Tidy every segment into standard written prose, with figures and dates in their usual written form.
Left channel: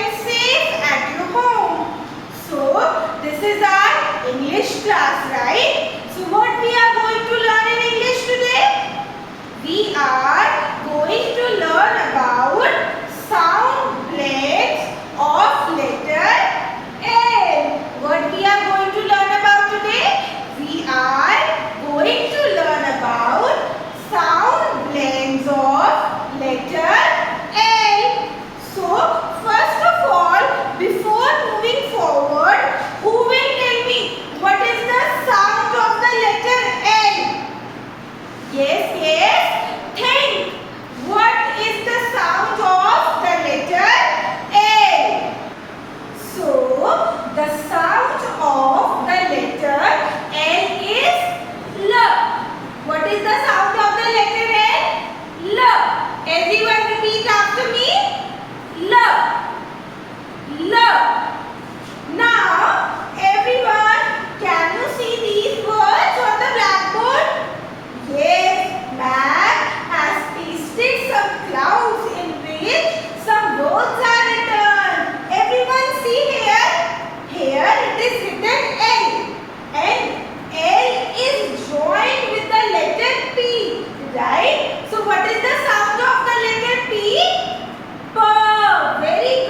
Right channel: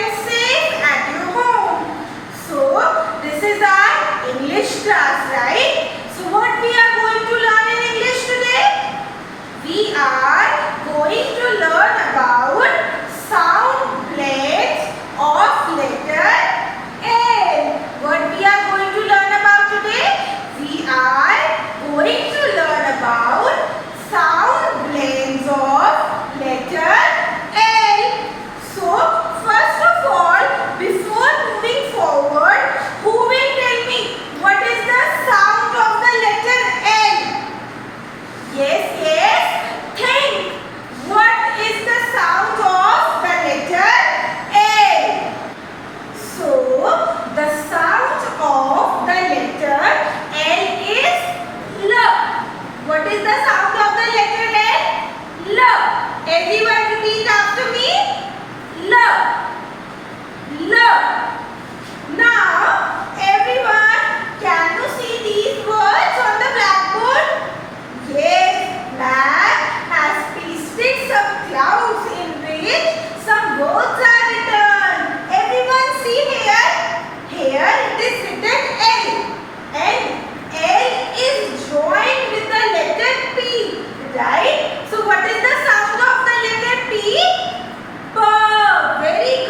and safe at your home. So, this is our English class, right? So, what we are going to learn in English today? We are going to learn about sound blends of letter L. What we are going to learn about today? We are going to learn about sound blends of letter L. So, first of all, before moving forward, who will tell me what is the sound of the letter L? Yes. Think. What is the sound of the letter L? So, the sound of the letter L is L. What is the sound of the letter L? L. Everyone repeat after me. L. L. Now, everyone, can you see these words on the blackboard? Yes, Matt has pasted some clouds in which some words are written. Everyone see here. Here it is written L. And L is joined with the letter P. Right? So what is the sound of the letter P? P. Very good.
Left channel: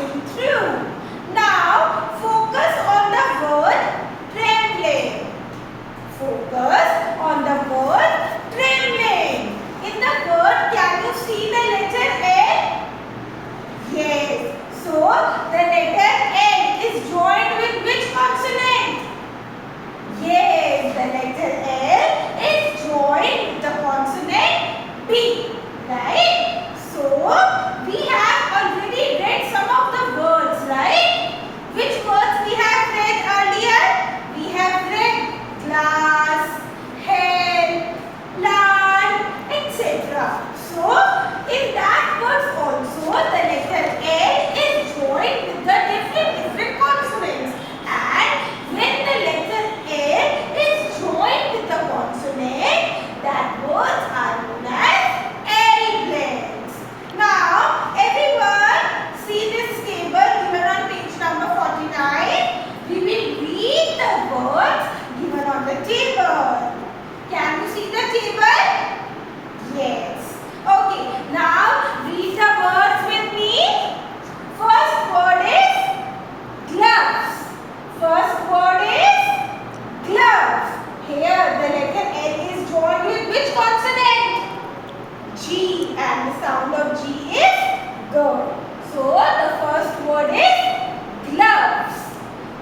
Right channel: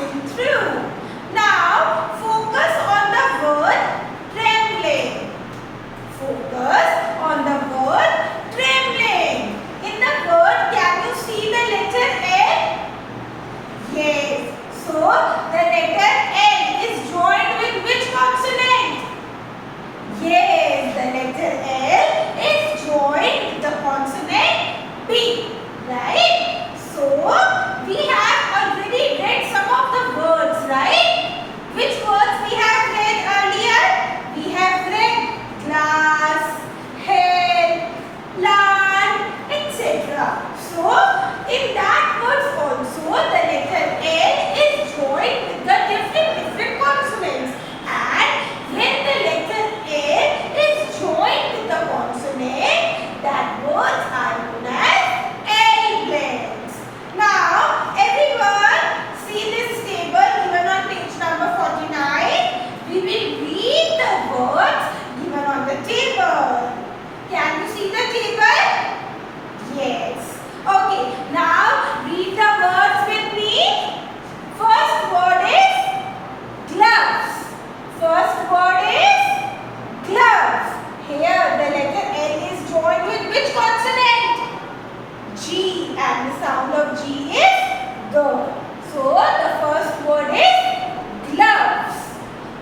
passing through. Now focus on the word trembling. Focus on the word trembling. In the word, can you see the letter L? Yes. So the letter L is joined with which consonant? Yes, the letter L is joined with the consonant B. Right? So we have already read some of the words, right? Which words we have read earlier? We have read glass, hell, plant, etc. So in that words also the letter L is joined with the different consonants. And when the letter L is joined with the consonant, that words are known as L blends. Now everyone see this table given on page number 49. We will read the words given on the table. Can you see the table? Yes. Okay, now read the words with me. First word is gloves. First word is gloves. Here the letter L is joined with which consonant? G, and the sound of G is G. So the first word is gloves.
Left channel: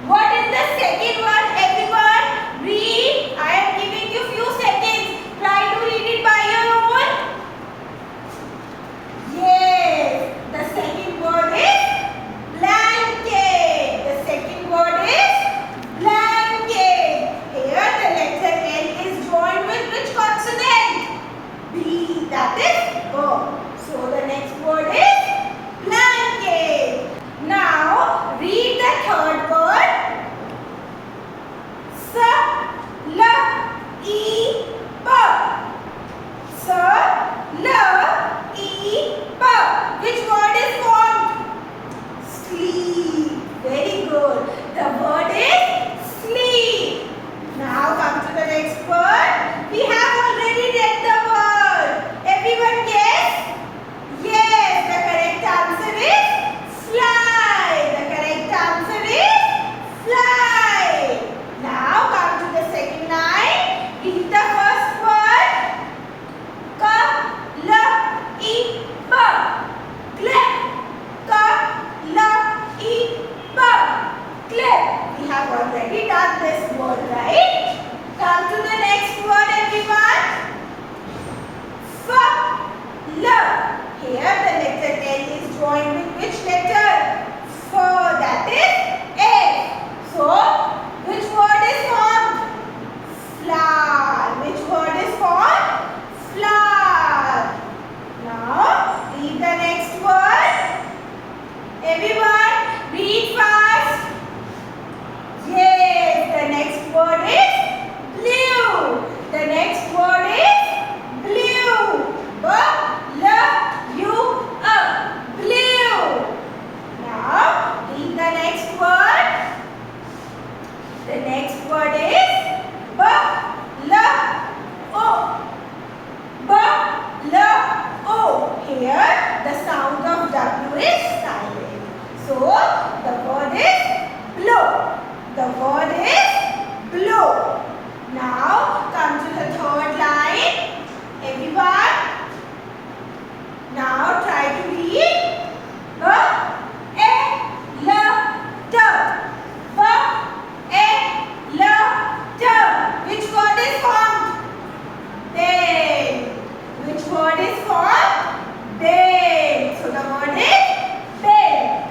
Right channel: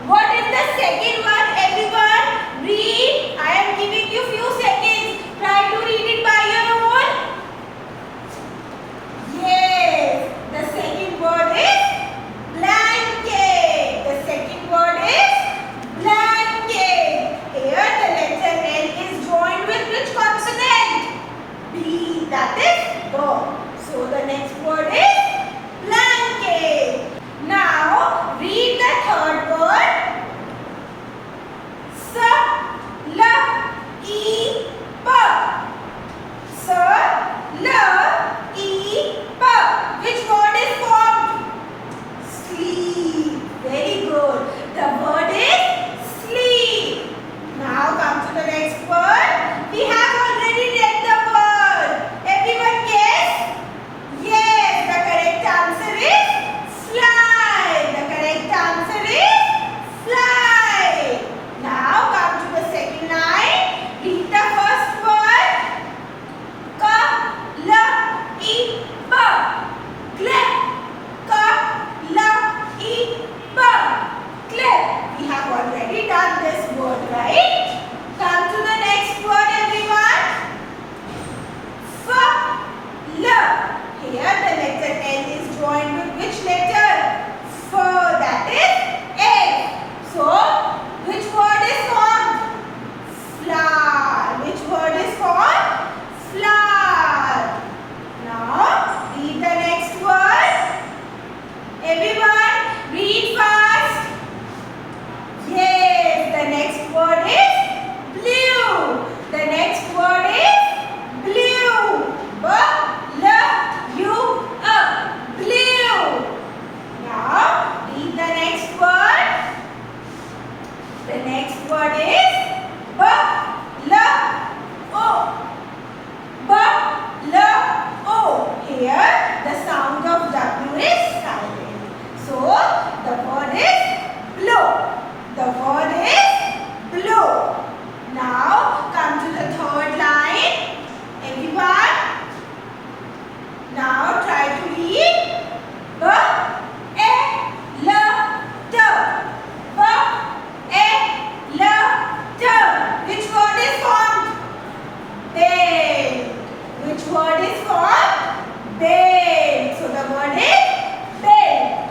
What is the second one, everyone? Read. I am giving you few seconds. Try to read it by your own. Yes, the second word is blanket. The second word is blanket. Here the letter L is joined with which consonant? B, that is B. So the next word is blanket. Now read the third word. Which word is formed? Sleep. Very good. The word is sleep. Now come to the next word. We have already read the word. Everyone guess? Yes, the correct answer is fly. The correct answer is fly. Now come to the second line. Read the first word. Clip. We have already done this word, right? Come to the next word, everyone. Here the letter L is joined with which letter? F, that is F. So, which word is formed? Flower. Which word is formed? Flower. Now, read the next word. Everyone, read fast. Yes, the next word is blue. The next word is blue. Blue. Now, read the next word. The next word is Here, the sound of W is silent. So, the word is blow. The word is blow. Now, come to the third line. Everyone, now try to read. Which word is formed? Bed. Which word is formed? Bed. So the word is bed.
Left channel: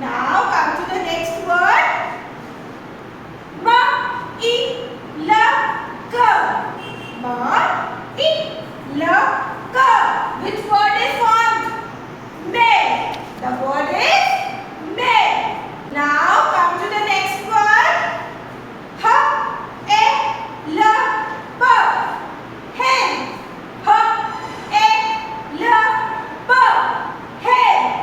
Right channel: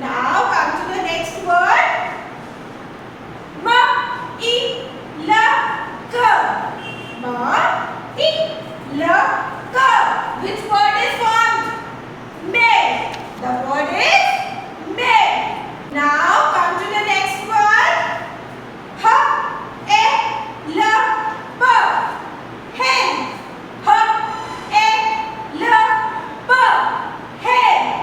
Now come to the next word. Which word is formed? Med. The word is med. Now come to the next word. Hen. Hen.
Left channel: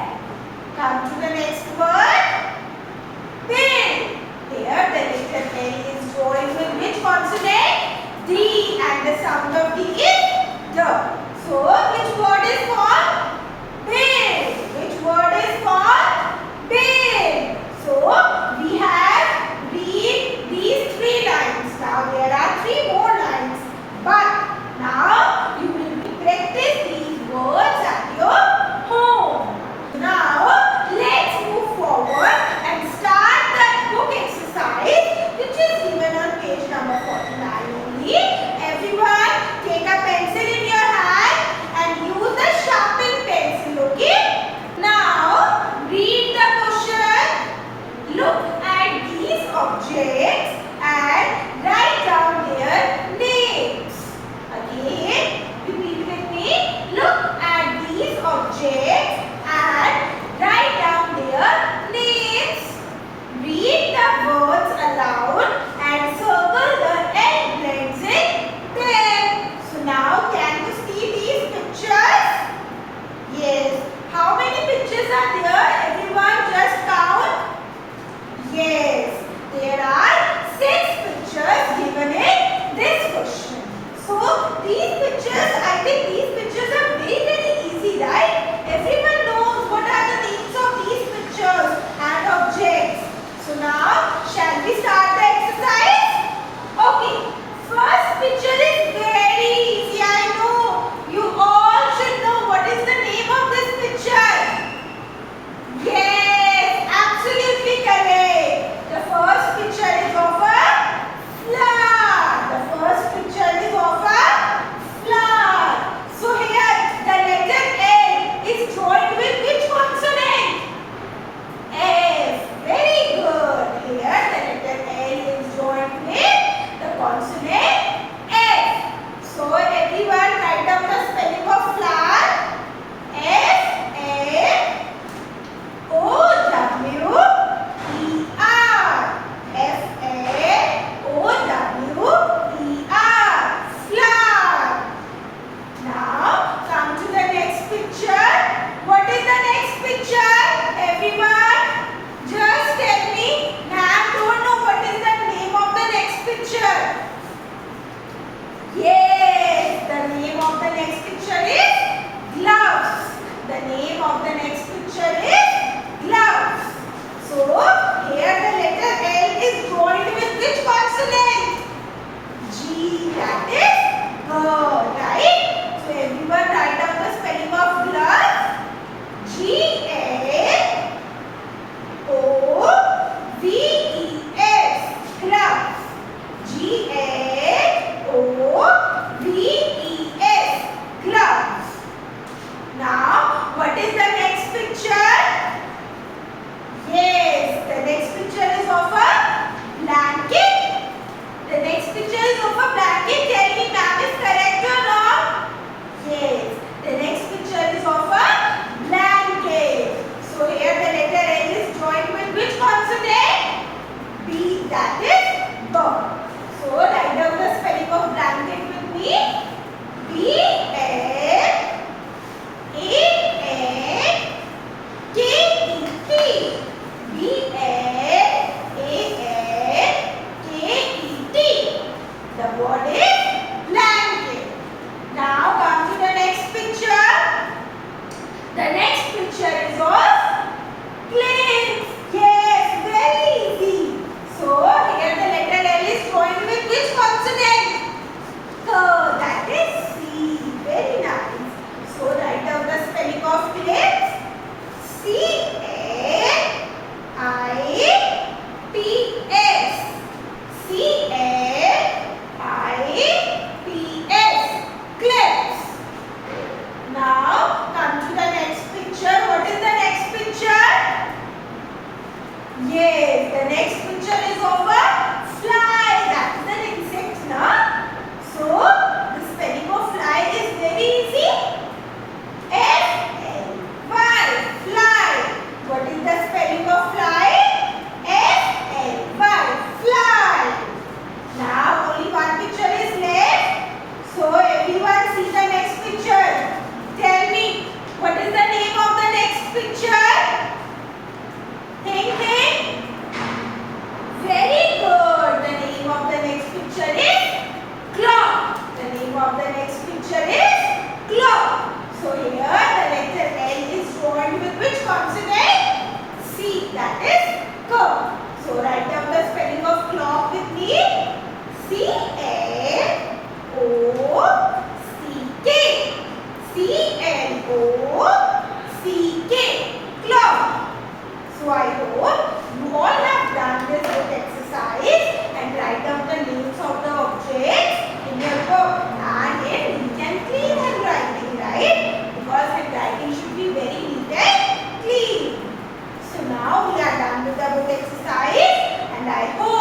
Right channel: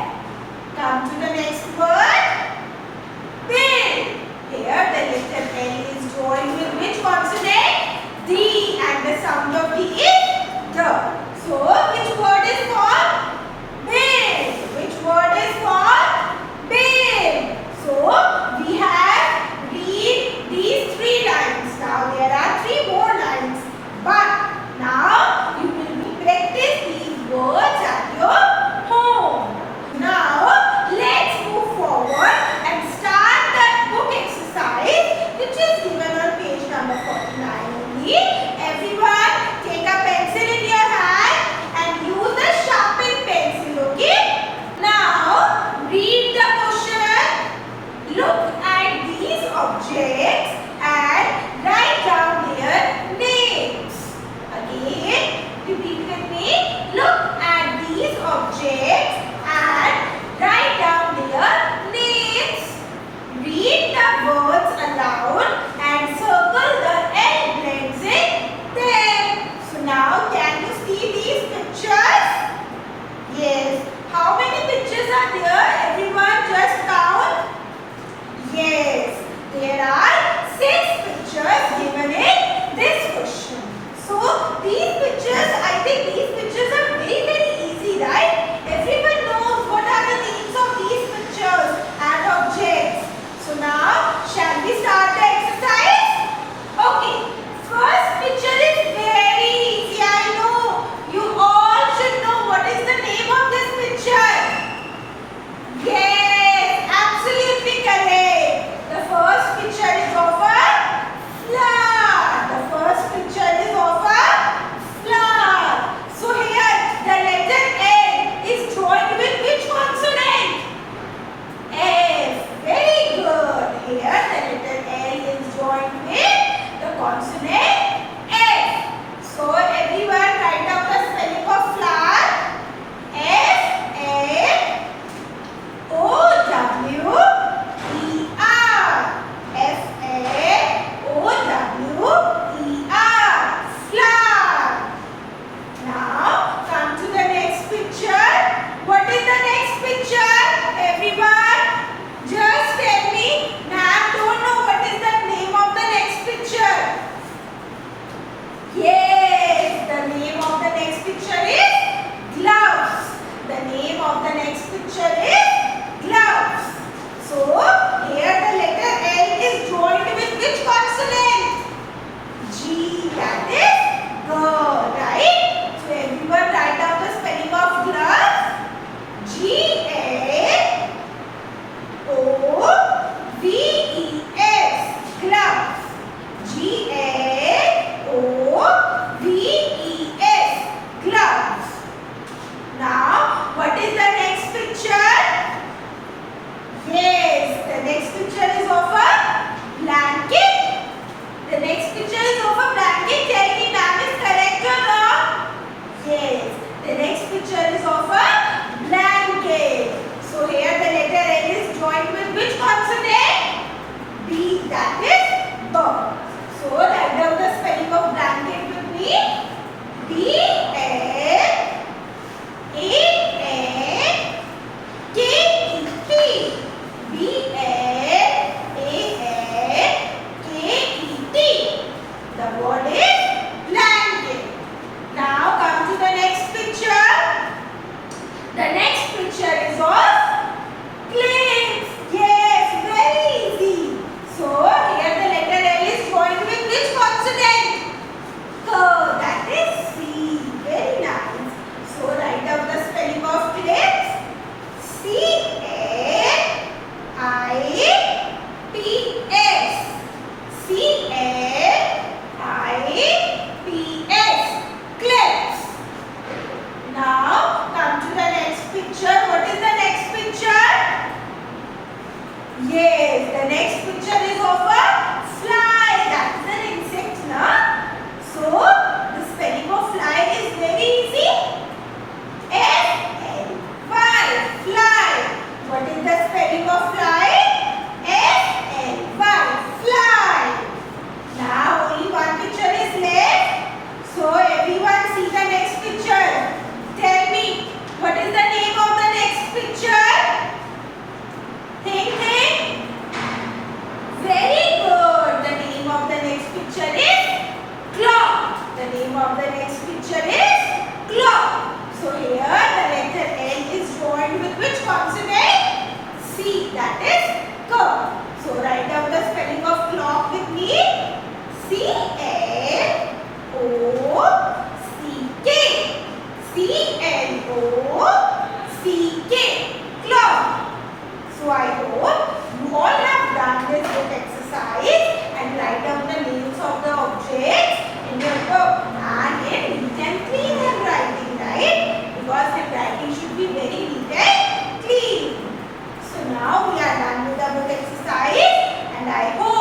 the next picture? Everyone, just tell me. Ma'am don't know what is the name of the next picture. Yes, the name of the next picture is gloves. The name of the next picture is gloves. So here the letter L is joined with which consonant? G, that is G, right? So everyone write down the spelling of gloves. Gloves. Gloves. Gloves. Now, what is the next picture? Yes, the next picture is of a blanket. The next picture is of a blanket. Tell me, ma'am, is correct or not? Yes, the next picture is of a blanket. So here the letter L is joined with which consonant? B, that is B. So write down the spelling of blanket with me. B-L-A-N-K-E-T. B-L-A-N-K-E-T. The word is blanket. Now come to the next picture. The next picture is of planes. Yes, very easy. So here the letter L is joined with which consonant? K, that is C. Very nice. So write down the spelling of planes. C-L-I-P-S. C-L-I-P-S. Clips. Now come to the next picture. What is the next picture? Yes, the next picture is of a fly. That is an insect, na? So the spelling of fly is very easy. F-L-Y. Fly. What is the spelling of fly? F-L-Y. Fly. Now only one picture is left. So everyone see the next picture. Tell me, what is the name of the next picture? Think. Very good. The name of the next picture is clock. The name of the next picture is clock. So here the letter L is joined with which consonant? C, that is K. So write down the spelling of clock with me. C-L-O-C-K. C-L-O-C-K. Clock. So I hope you all have done this book exercise and write down the names of the objects in your book. And in neat and clean handwriting, right? Because handwriting should be very neat and clean. So now we are done with the book exercise and I hope